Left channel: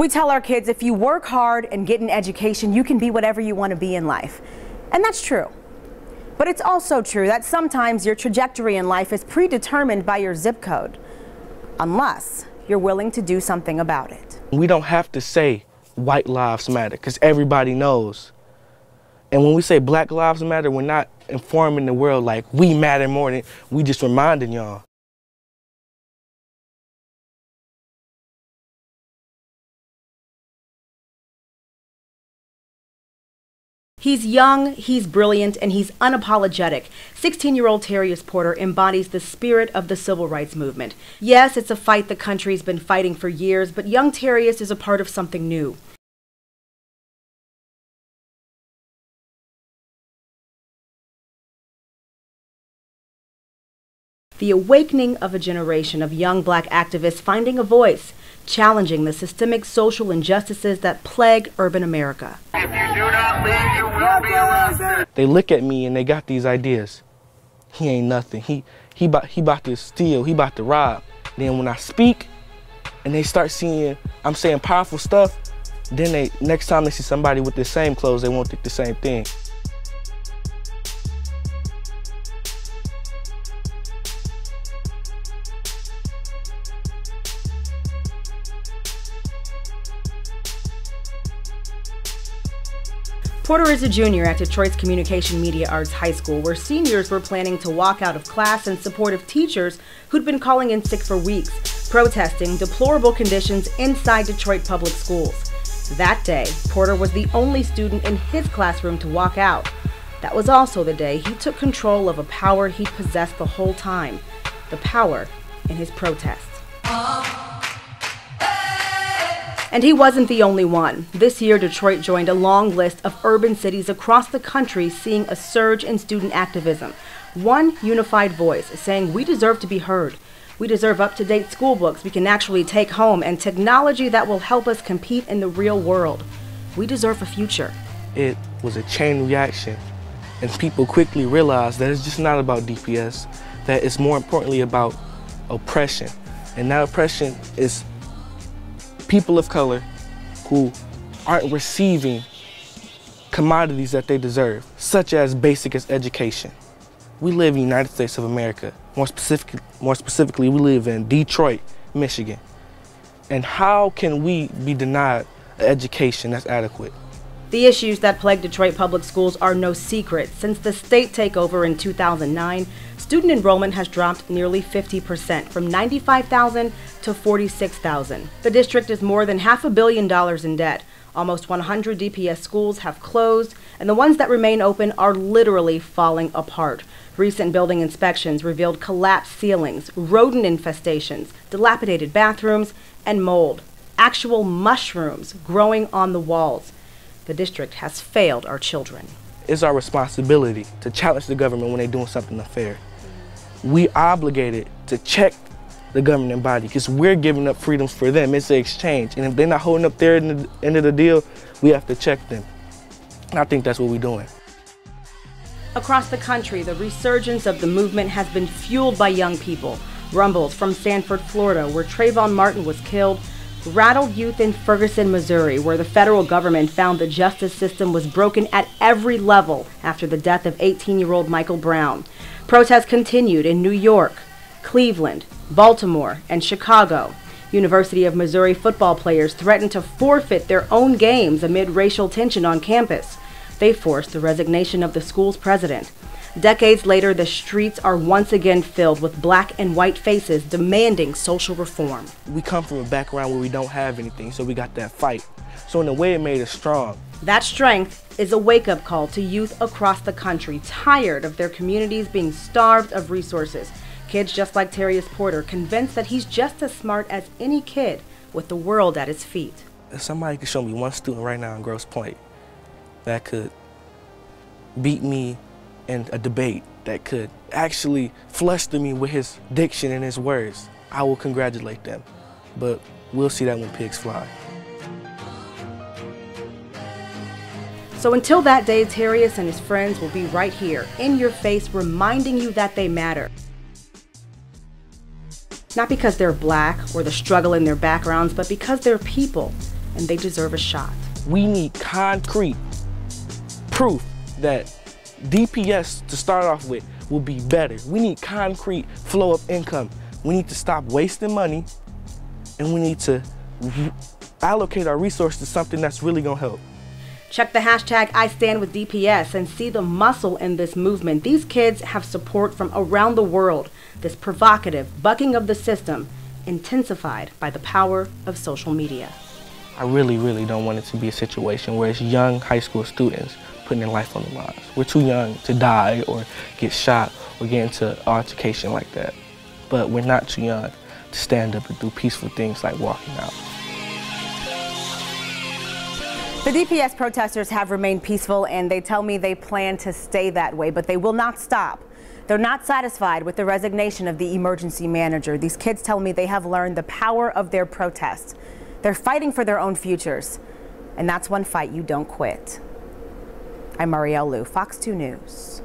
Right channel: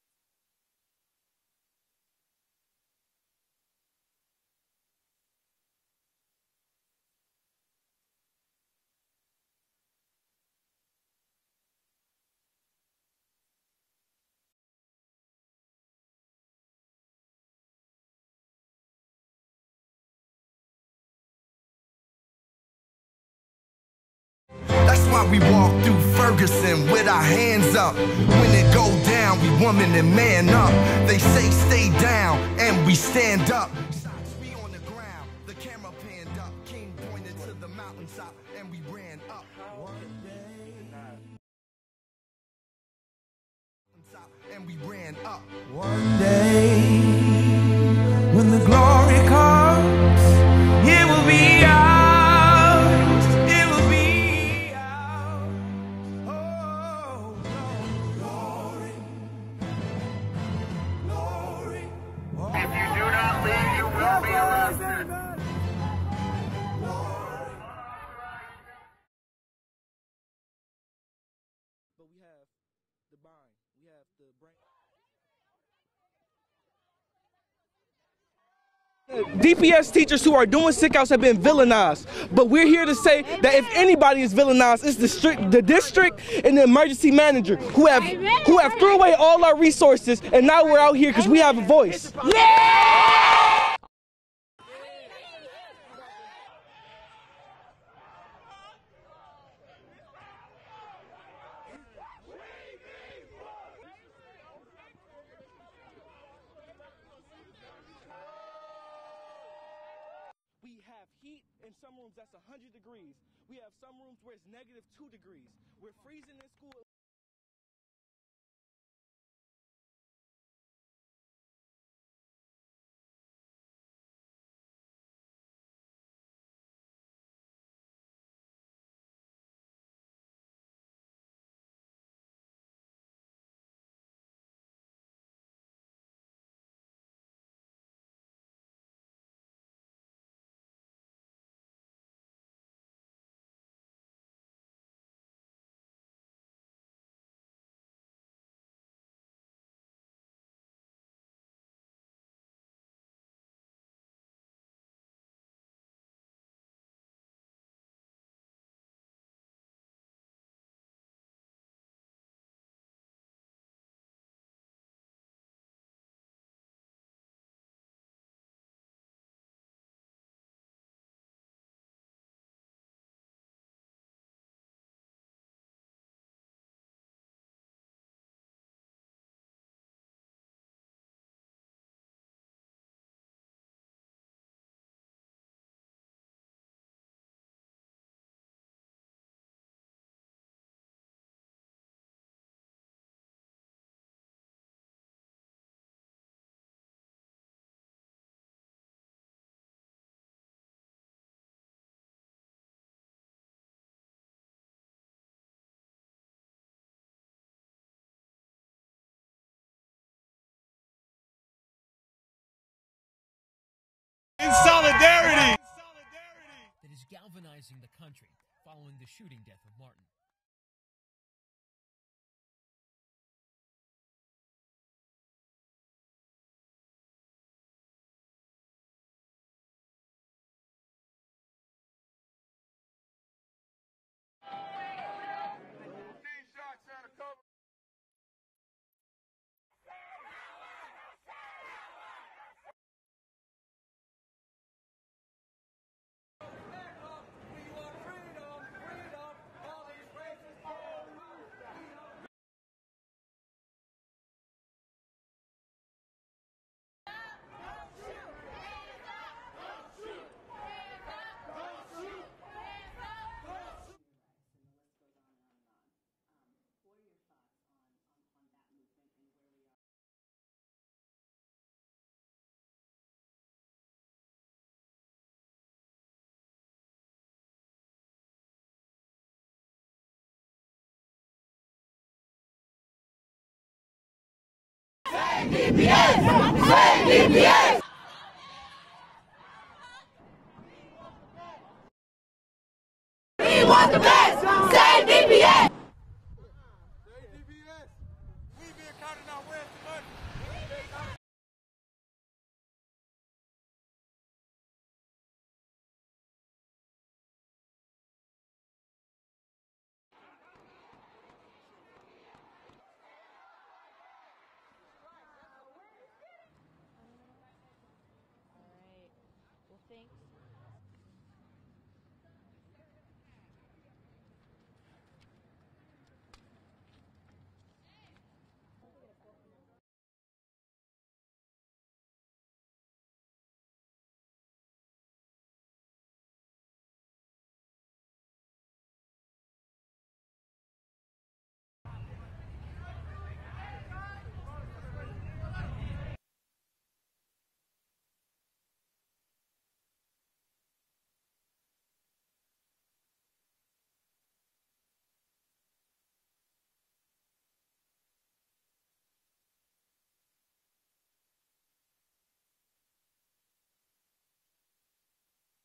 We tell our kids if you work hard and get an education, you can be whatever you want to be in life. And that's true. But it's also true that sometimes your trajectory in life is predetermined by your zip code, unless you're willing to do something about it. We don't have to say white lives matter, because everybody knows. And when we say black lives matter, we're not informing the world like we matter more than we just reminding y'all. That's why we walk through Ferguson with our hands up. When it go down, we woman and man up. They say stay down, and we stand up. He's young, he's brilliant, and he's unapologetic. 16-year-old Terrius Porter embodies the spirit of the civil rights movement. Yes, it's a fight the country's been fighting for years, but young Terrius is a part of something new. One day, when the glory comes, it will be ours, it will be... The awakening of a generation of young black activists finding a voice, challenging the systemic social injustices that plague urban America. If you do not leave, you will be arrested. They look at me and they got these ideas. He ain't nothing. He about to steal. He about to rob. Then when I speak and they start seeing I'm saying powerful stuff, then next time they see somebody with the same clothes, they won't think the same thing. DPS teachers who are doing sick-outs have been villainized, but we're here to say that if anybody is villainized, it's the district and the emergency manager who have threw away all our resources, and now we're out here because we have a voice. Yeah! Porter is a junior at Detroit's Communication Media Arts High School, where seniors were planning to walk out of class in support of teachers who'd been calling in sick for weeks, protesting deplorable conditions inside Detroit public schools. That day, Porter was the only student in his classroom to walk out. That was also the day he took control of a power he'd possessed the whole time, the power in his protest. And he wasn't the only one. This year, Detroit joined a long list of urban cities across the country seeing a surge in student activism. One unified voice saying we deserve to be heard. We deserve up-to-date school books we can actually take home and technology that will help us compete in the real world. We deserve a future. It was a chain reaction, and people quickly realized that it's just not about DPS, that it's more importantly about oppression. And that oppression is people of color who aren't receiving commodities that they deserve, such as basic as education. We live in the United States of America. More specifically, we live in Detroit, Michigan. And how can we be denied an education that's adequate? The issues that plague Detroit public schools are no secret. Since the state takeover in 2009, student enrollment has dropped nearly 50%, from 95,000 to 46,000. The district is more than $500 million in debt. Almost 100 DPS schools have closed, and the ones that remain open are literally falling apart. Recent building inspections revealed collapsed ceilings, rodent infestations, dilapidated bathrooms, and mold. Actual mushrooms growing on the walls. The district has failed our children. It's our responsibility to challenge the government when they're doing something unfair. We obligated to check the governing body because we're giving up freedoms for them. It's an exchange. And if they're not holding up their end of the deal, we have to check them. And I think that's what we're doing. In solidarity! Across the country, the resurgence of the movement has been fueled by young people. Rumbles from Sanford, Florida, where Trayvon Martin was killed, rattled youth in Ferguson, Missouri, where the federal government found the justice system was broken at every level after the death of 18-year-old Michael Brown. Protests continued in New York, Cleveland, Baltimore, and Chicago. University of Missouri football players threatened to forfeit their own games amid racial tension on campus. They forced the resignation of the school's president. Decades later, the streets are once again filled with black and white faces demanding social reform. We come from a background where we don't have anything, so we got that fight. So in a way, it made us strong. That strength is a wake-up call to youth across the country, tired of their communities being starved of resources. Kids just like Terrius Porter, convinced that he's just as smart as any kid with the world at his feet. If somebody could show me one student right now in Grosse Pointe that could beat me in a debate, that could actually fluster me with his diction and his words, I will congratulate them. But we'll see that when pigs fly. So until that day, Terrius and his friends will be right here, in your face, reminding you that they matter. We want the best! Save DPS! Not because they're black or the struggle in their backgrounds, but because they're people. and they deserve a shot. We need concrete proof that DPS, to start off with, will be better. We need concrete flow of income. We need to stop wasting money, and we need to allocate our resources to something that's really gonna help. Check the hashtag #IStandWithDPS and see the muscle in this movement. These kids have support from around the world. This provocative bucking of the system, intensified by the power of social media. I really, really don't want it to be a situation where it's young high school students putting their life on the line. We're too young to die or get shot or get into altercation like that. But we're not too young to stand up and do peaceful things like walking out. The DPS protesters have remained peaceful, and they tell me they plan to stay that way, but they will not stop. They're not satisfied with the resignation of the emergency manager. These kids tell me they have learned the power of their protest. They're fighting for their own futures, and that's one fight you don't quit. I'm Marielle Liu, Fox 2 News.